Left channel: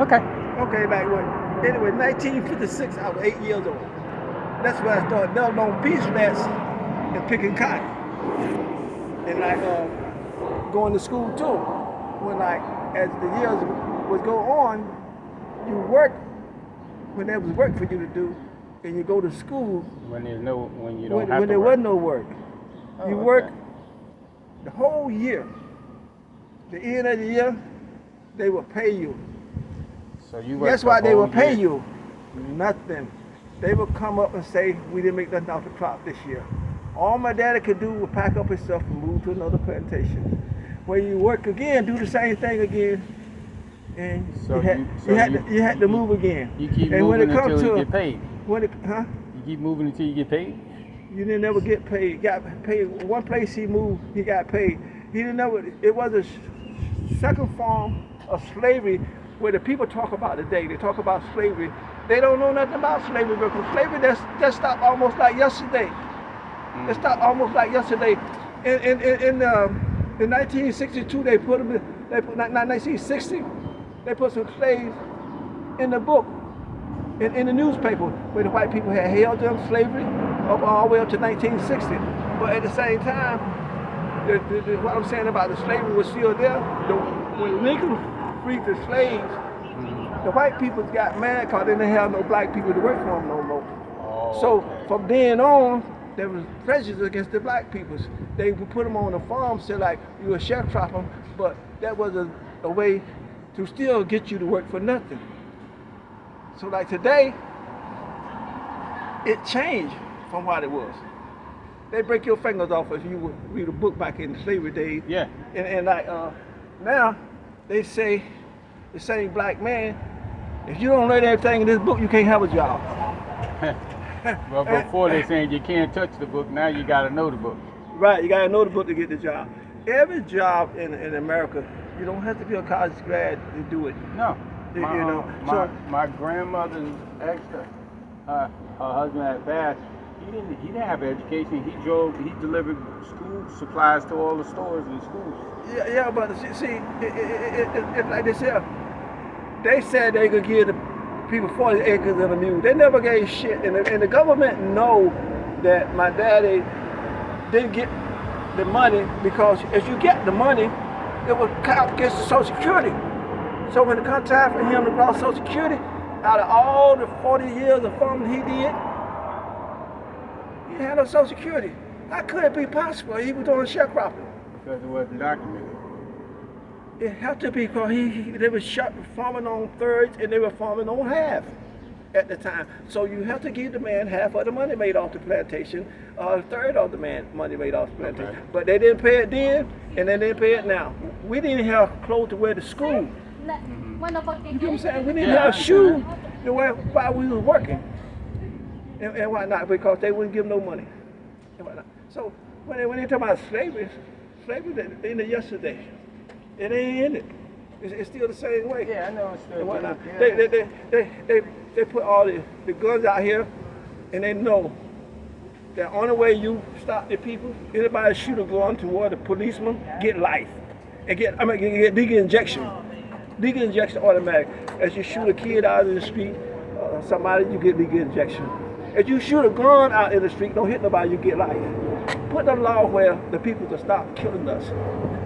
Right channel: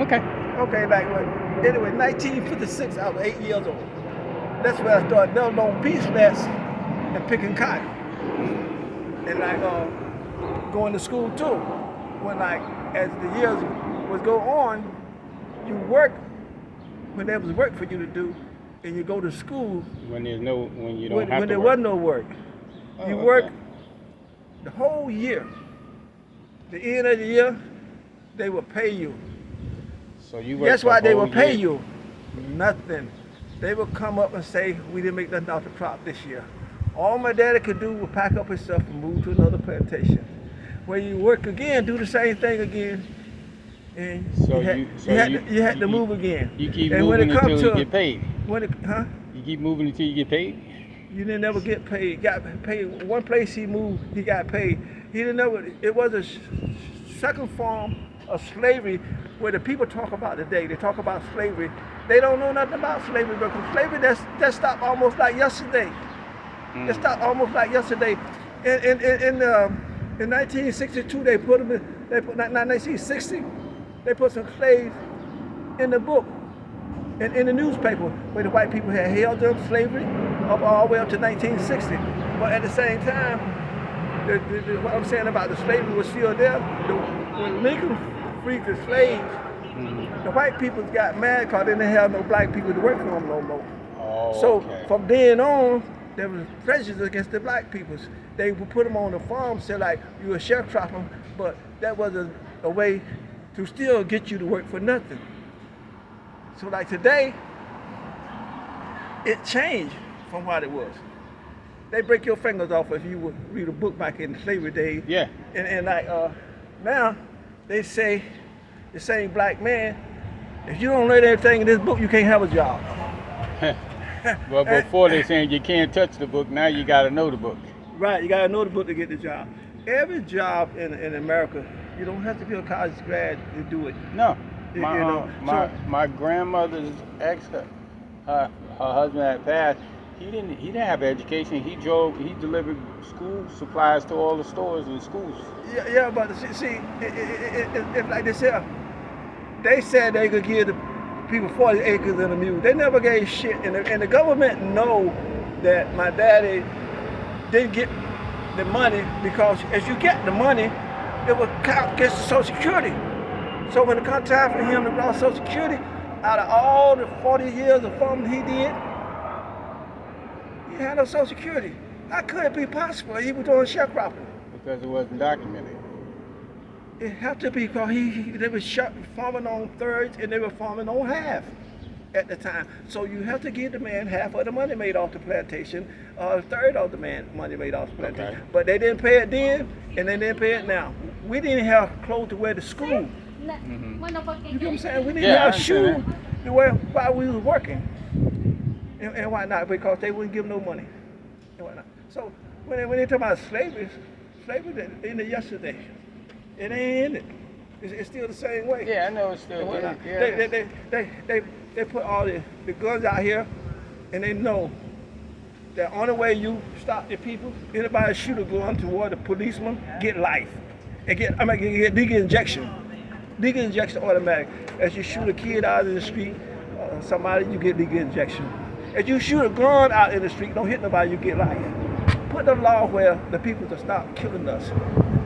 Okay. Okay, like when, anyway, 1956, I was 8 years old. That's when I started building on beach nets and picking cotton. And like going to school too. When like as the years would go on, you work when there was work for you to do, and you go to school When you don't have when to there work. was no work. Oh, You work okay. the whole year. The end of the year, they will pay you. So you work Guess the why they whole will pay year. you? Nothing. They will come up and say, we didn't make nothing off the crop this year. All my daddy could do was pack up his stuff and move to another plantation. When you work again, do the same thing again, and So you had to move again. you keep And when moving it comes until you to get paid. You keep moving until you get paid. You didn't never get paid. Got paid. One place he moved, he got paid. He didn't never. It was a second form of slavery where the people talk about today. They talk about slavery. They don't know nothing about slavery because slavery that stopped almost like yesterday. It stopped almost like yesterday. In 1962, they put them. They put not 1960. They put some slaves in the book in the newspaper where the white people had held them slavery up all the way up to 1960. But at the same time, what I'm saying about the slavery was still there. When Lincoln freed the slaves, the white people got mad because they didn't have no black people to work for them no more. Oh, So okay. from then on, there was prejudice against the black peoples. They would put them on the farm, say like you a sharecropper, but that was a way to still get you to work for nothing. So like today, it changed from what it was. They break your fingers off if you read a book back in the slavery days. Yeah. And like now, they say the same black man, if you don't read everything in this book, you can't have a job. Well, before they saying you can't touch the book, now you got to know the book. Right, you gotta know the book to get the job. Every job in America, you don't have to be a college grad to do it. No. You My, know, my grandmother's ex, her husband had passed. He didn't have education. He delivered school supplies to all the stores and schools. yeah, but see, it like they said they could give the people 40 acres and a mule. They never gave shit, and the government know that my daddy didn't get the money because as you get the money, it will count against the Social Security. So when it comes time for him to draw Social Security, out of all the 40 years of farming he did, he had no Social Security. How could it be possible? He was doing sharecropping. Because it wasn't documented. It had to be because they were farming on thirds and they were farming on half at the time. So you have to give the man half of the money made off the plantation, a third of the man money made off the plantation. Okay. But they didn't pay it then, and they didn't pay it now. We didn't have clothes to wear to school. You know what I'm saying? We didn't Yeah, I have shoes understand to wear while we was working. And why not? Because they wouldn't give no money. And why not? So when they talk about slavery ended yesterday. It ain't ended. It's still the same way. Yeah, I know it's still And why there. not? Yeah. They put all the guns out here, and they know the only way you stop the people, anybody shoot a gun toward a policeman, get life. And get legal injection. Legal injection automatic. As you shoot a kid out in the street, somebody, you get legal injection. If you shoot a gun out in the street, don't hit nobody, you get life. Put a law where the people to stop killing us.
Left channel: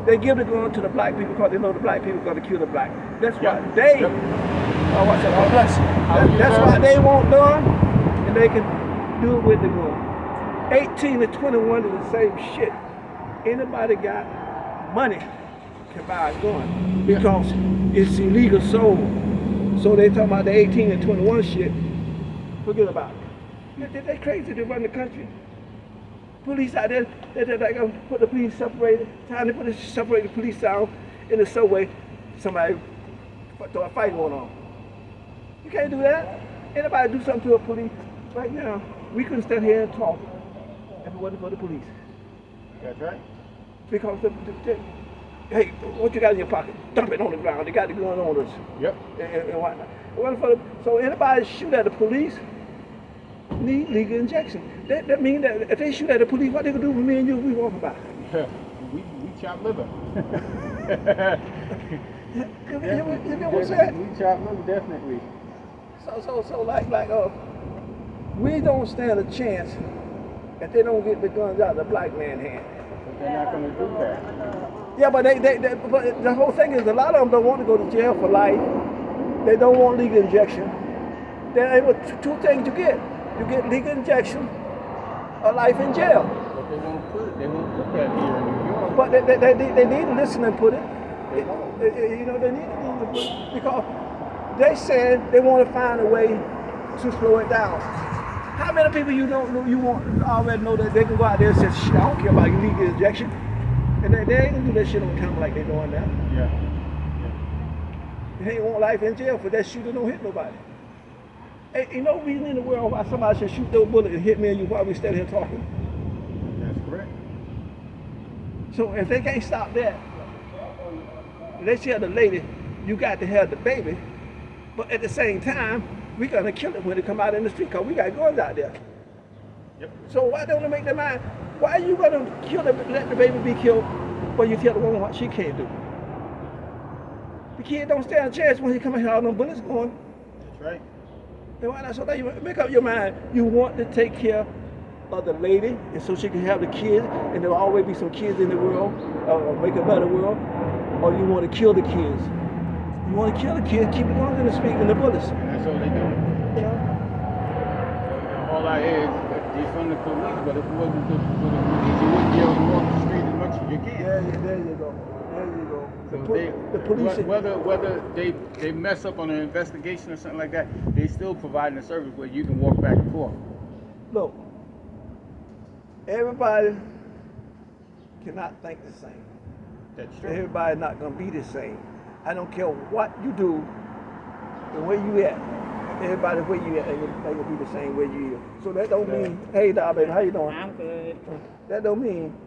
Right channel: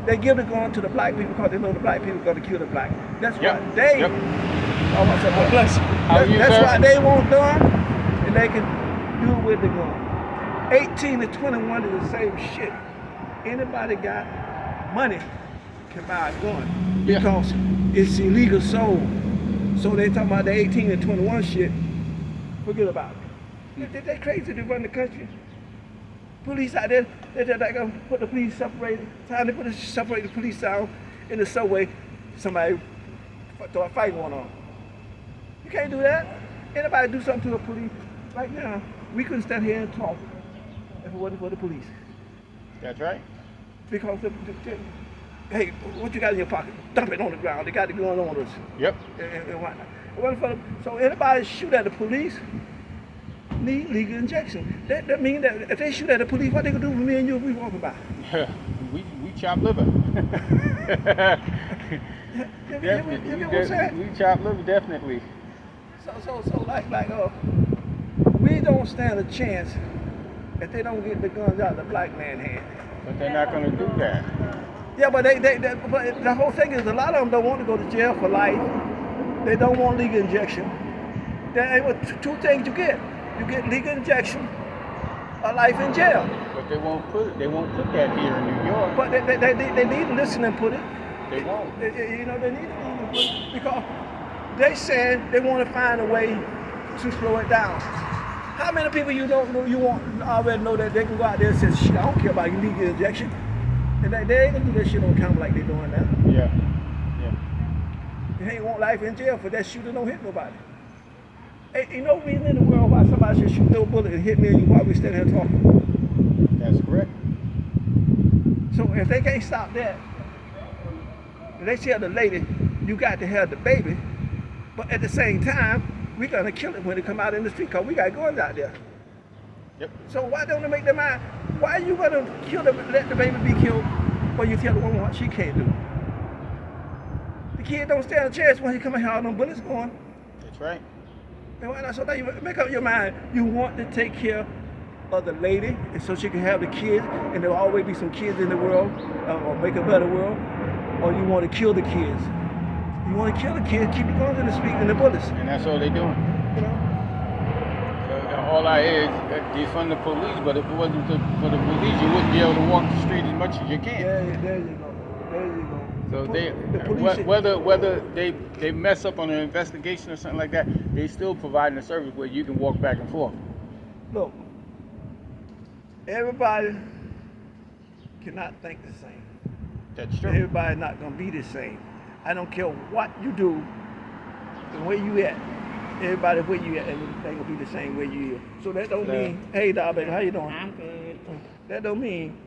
They give the gun to the black people because they know the black people are going to kill the black. That's Yep. why they. Yep. Oh, I said, oh, bless you. How are you, That's sir? why they want done, and they can do it with the gun. 18 to 21 is the same shit. Anybody got money can buy a gun Yeah. because it's illegal sold. So they talking about the 18 and 21 shit. Forget about it. They crazy to run the country. Police out there, they're gonna put the police separated. Time to separate the police down in the subway. Somebody throw a fight going on. You can't do that. Anybody do something to a police right now? We couldn't stand here and talk if it wasn't for the police. That's right. Because hey, what you got in your pocket? Dump it on the ground. They got the gun on us. Yep. And whatnot. It wasn't for so anybody shoot at the police need legal injection. That means that if they shoot at the police, what they gonna do with me and you if we walking by? we chop liver. You Definitely. get what I'm saying? We chop liver, definitely. So like we don't stand a chance if they don't get the guns out of the black man's hand. But they're not gonna do that. Yeah, but but the whole thing is a lot of them don't want to go to jail for life. They don't want legal injection. Two things you get. You get legal injection or life in jail. But they won't put that here in New York. But they need to listen and put it. They won't. You know, they need to put it because they said they want to find a way to slow it down. How many people you already know that they can go out there and say, shit, I don't care about legal injection. And they ain't gonna do that shit on count like they doing now. Yeah. They ain't want life in jail for that shooter don't hit nobody. Ain't no reason in the world why somebody should shoot no bullet and hit me and you while we still here talking. That's correct. So if they can't stop that, they tell the lady, you got to have the baby, but at the same time, we gonna kill it when they come out in the street because we got guns out there. Yep. So why don't they make their mind? Why are you gonna let the baby be killed when you tell the woman what she can't do? The kid don't stand a chance when he come in here all them bullets going. That's right. And why not? So now you make up your mind. You want to take care of the lady, and so she can have the kids, and there'll always be some kids in the world, or make a better world, or you want to kill the kids. You want to kill the kids, keep the guns in the street and the bullets. And that's all they doing. You know? All I hear is defund the police, but if it wasn't for the police, you wouldn't be able to walk the street as much as you can. There you go. There you go. So The police, whether they mess up on an investigation or something like that, they still providing a service where you can walk back and forth. look, everybody cannot think the same. That's true. Everybody's not gonna be the same. I don't care what you do, the way you at. Everybody where you at, they gonna be the same way you is. So that don't mean, hey, dog, baby, how you doing? I'm good. That don't mean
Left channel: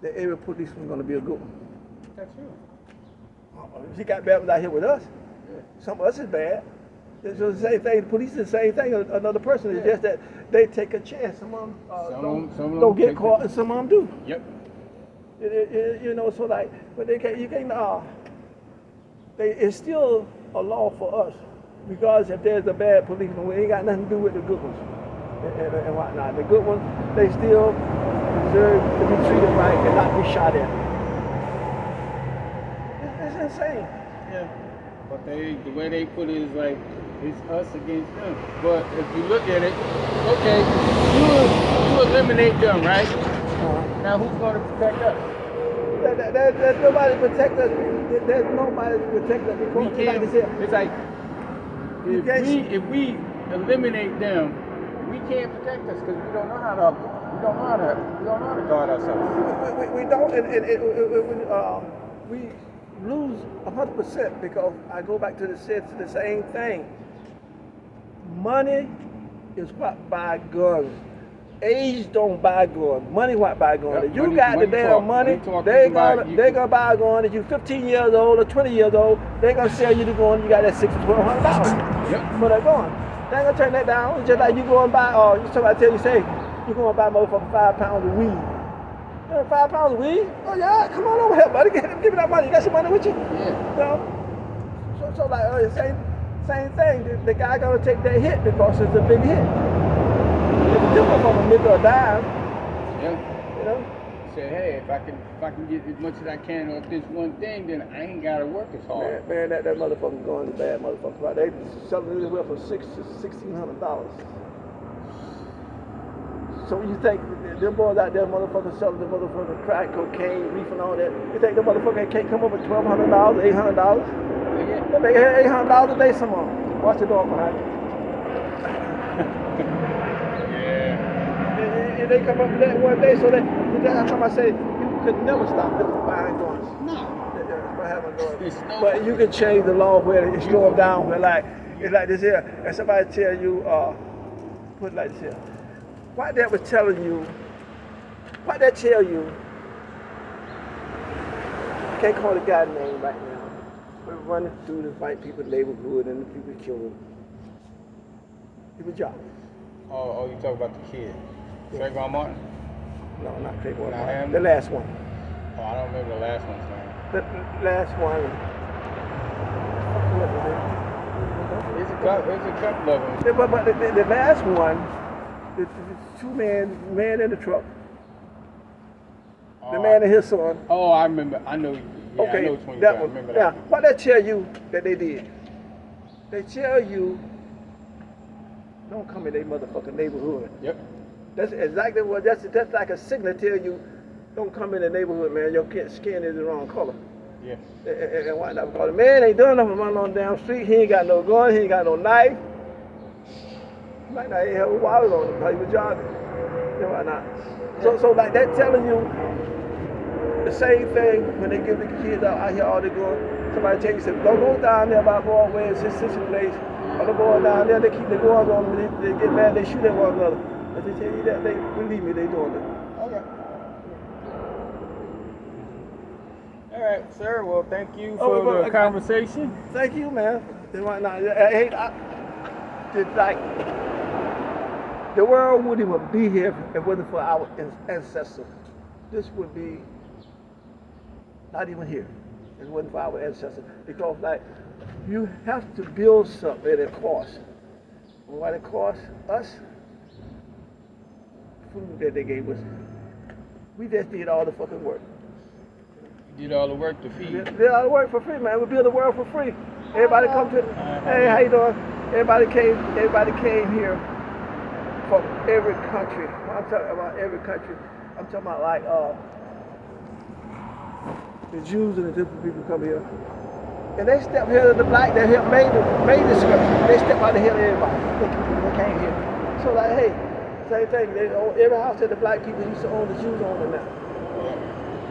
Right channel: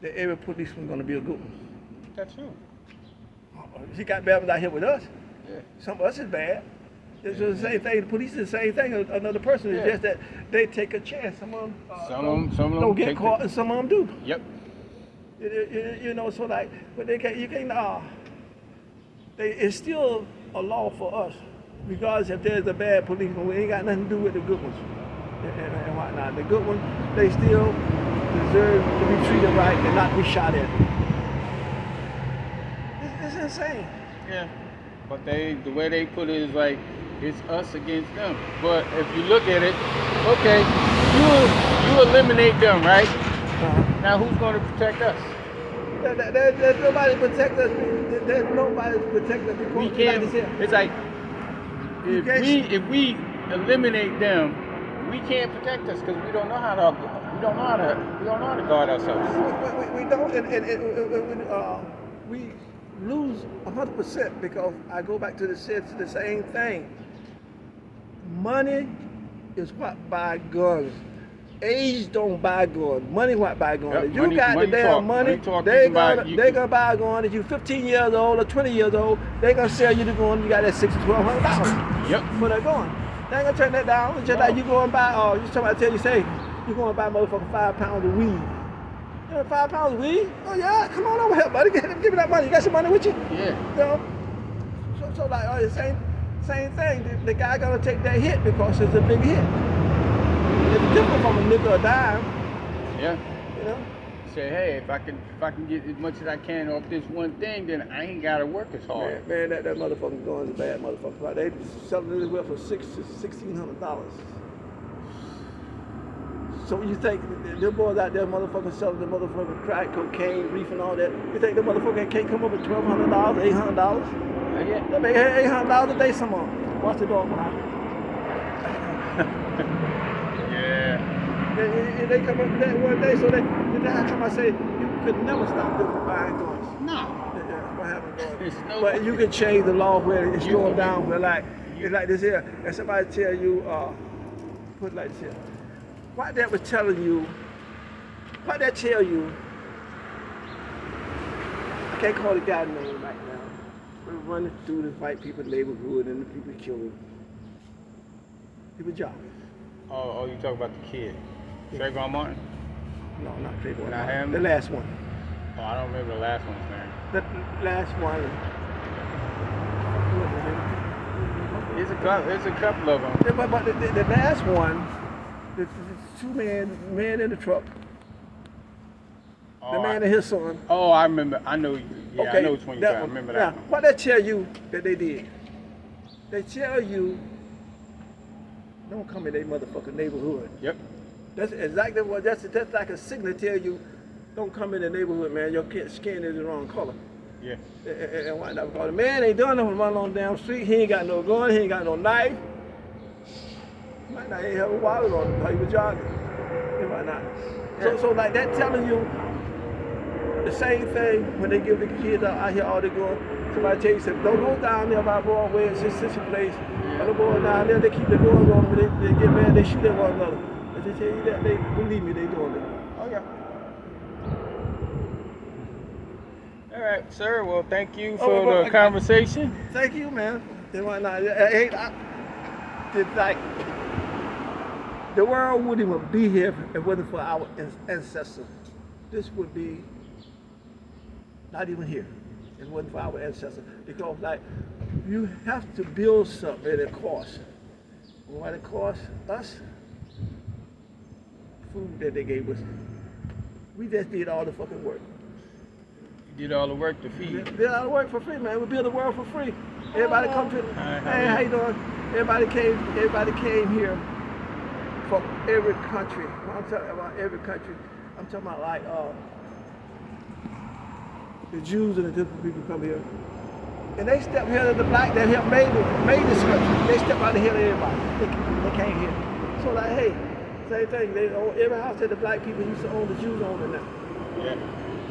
that every policeman's gonna be a good one. That's true. She got bad ones out here with us. Yeah. Some of us is bad. It's just the same thing. The police is the same thing. Another person is Yeah. just that they take a chance. Some of them, don't get caught, and some of them do. Yep. You know, so like, but they can't. You can't. It's still a law for us, regardless if there's a bad policeman. We ain't got nothing to do with the good ones and whatnot. The good ones, they still deserve to be treated right and not be shot at. It's insane. Yeah. But the way they put it is like it's us against them. But if you look at it, okay, you eliminate them, right? Now who's going to protect us? There's nobody to protect us. There's nobody to protect us. Because We can't. It's like if we eliminate them, we can't protect us because we don't know how to guard ourselves. We don't, and we lose 100% because I go back to the same thing. Money is what buy guns. Age don't buy guns. Money what buy guns. Yep, If you got the damn money, they gonna buy a gun. If you 15 years old or 20 years old, they gonna sell you the gun. You got that $600 to $1,200. Yep. For that gun. They ain't gonna turn that down. It's just like you go and buy. Somebody tell you, say you go and buy motherfucker 5 pounds of weed. 5 pounds of weed? Oh yeah, come on over here, buddy. Give me that money. You got some money with you? Yeah. You know? So like same thing. The guy gonna take that hit because it's a big hit. It's different from a nickel or a dime. Yeah. You know? Say, hey, if I can get as much as I can off this one thing, then I ain't gotta work as hard. Man, that motherfucker's going to bad motherfucker. Right? They selling it anywhere for $1,600. So you think them boys out there, motherfuckers selling the motherfucking crack, cocaine, reef, and all that? You think the motherfucker can't come up with $1,200, $800? Yeah. They make $800 a day some more. Watch the dog behind. Yeah. And they come up with that one day, so that's how I say you could never stop them from buying guns. No. By having guns. There's no But you can change the law where it's going down. Where it's like this here, and somebody tell you, put it like this here. Why that was telling you? Why that tell you? I can't call the guy's name right now. We're running through the white people's neighborhood and the people kill them. People drop it. Oh, you talk about the kid. Trayvon Martin? No, not Trayvon. Not him? The last one. Oh, I don't remember the last one's name. The last one. There's a couple of them. Yeah, but the last one, the two man in the truck, the man and his son. Oh, I remember. I know. Yeah, Okay, I know which one you that got. I one. remember Now, that one. what they tell you that they did? They tell you, don't come in their motherfucking neighborhood. Yep. That's exactly what. That's like a signal to tell you, don't come in the neighborhood, man. Your skin is the wrong color. Yeah. And why not? Because the man ain't doing nothing running on the damn street. He ain't got no gun. He ain't got no knife. He might not even have a wallet on him because he was jogging. You know why not? So like that telling you the same thing when they give the kids out here all they going. Somebody tell you, say, don't go down there by Broadway and Sissy Place. Or they go down there, they keep the doors open. They get mad, they shoot at one another. If they tell you that, they believe me, they doing it. Oh yeah. All right, sir. Well, thank you for the conversation. Thank you, man. You know why not? It's like the world wouldn't even be here if it wasn't for our ancestors. This would be not even here if it wasn't for our ancestors. Because like you have to build something and it costs. And what it costs us, food that they gave us, we just did all the fucking work. You did all the work to feed. Did all the work for free, man. We build the world for free. Everybody come to hey, how you doing? Everybody came here from every country. When I'm talking about every country, I'm talking about like the Jews and the different people come here. And they stepped here to the black that helped made this country. They stepped out of here to everybody. They came here. So like, hey, same thing. They own every house that the black people used to own, the Jews own it now. Yeah.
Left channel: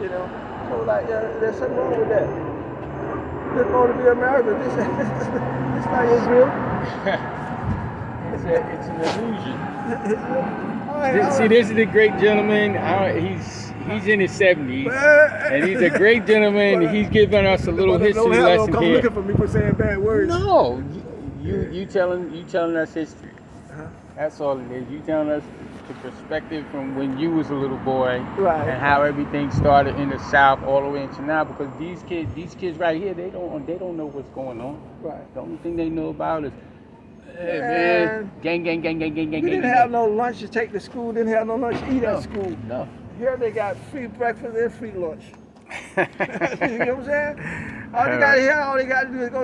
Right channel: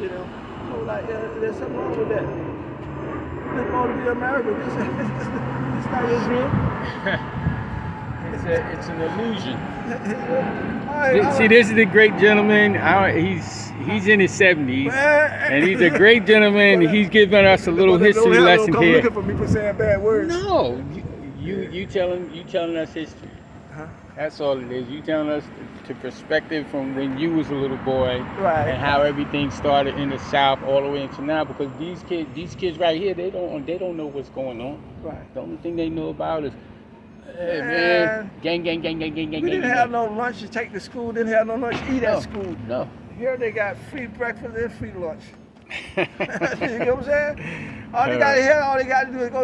You know? So like, there's something wrong with that. This going to be America. This not Israel. It's an illusion. All right. See, this is the great gentleman. He's in his 70s, and he's a great gentleman. He's giving us a little history lesson come here. looking for me for saying bad words. No, you telling us history. Uh-huh. That's all it is. You telling us the perspective from when you was a little boy, Right. and how everything started in the South all the way into now. Because these kids right here, they don't know what's going on. Right. The only thing they know about is, hey Man. man, gang. We didn't have no lunch to take to school. Didn't have no lunch to eat No, at school. no. Here they got free breakfast and free lunch. You know what I'm saying? All they got to do is go